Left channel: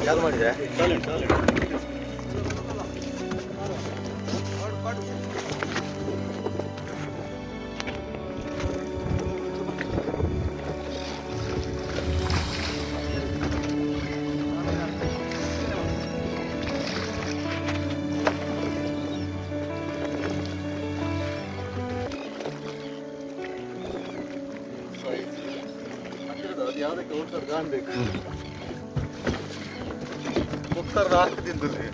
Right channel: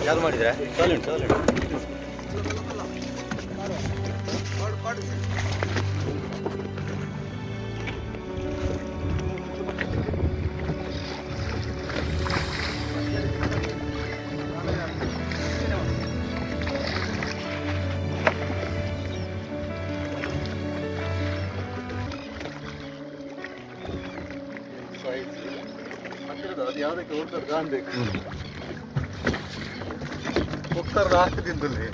ಚಾಲು ಮಾಡಿದ್ರೆ ಅದು ಯಾವುದಕ್ಕೆ ಓಡ್ತಾರೆ ಕಾಣಬೇಕು ಒಕ್ಕರ ಹಾಕದಿದ್ದಲ್ಲಿ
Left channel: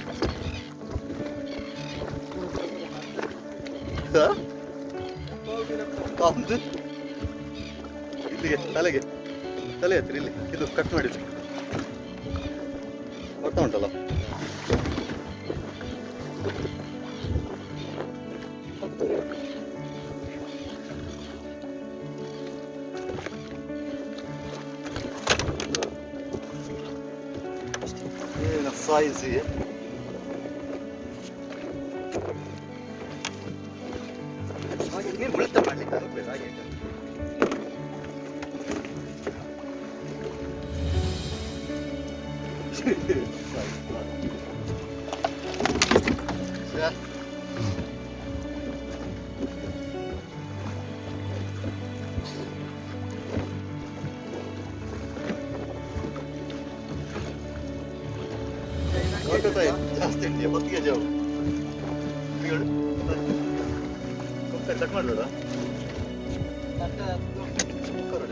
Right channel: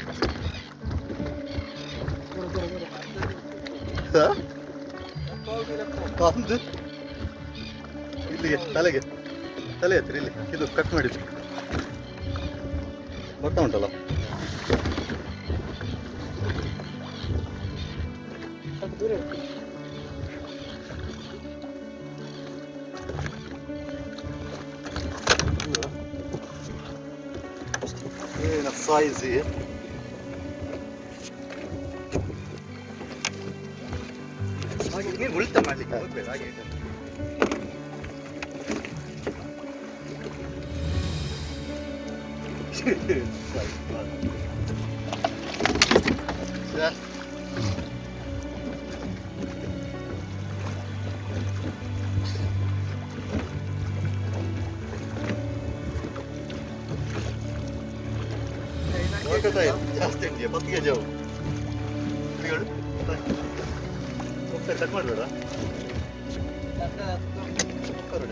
ಕಾಂದು ಇಲ್ಲಿಗೆ ತಲೆಗೆ ತಲೆ ಹತ್ರ ಇಲ್ಲಿ ಇದು ಕಟ್ ಮಾಡಿದ್ದು ಹೊತ್ತ ಉಂಟಲ್ಲ ಏನು ಸಾಯಿಸಿ ನೀನು ಉಳಿತ ಮಾಡ್ಲಿಕ್ಕೆ ಹೋಗ್ಬೇಕು ಹಾಗೆ ಜಾಸ್ತಿ ಉಂಟು ಬತ್ತಿಗೆ ಜಾವು ಹೋಗ್ತಾರೆ ಕಟ್ ಮಾಡಬೇಡ ಕುಕ್ಕರ್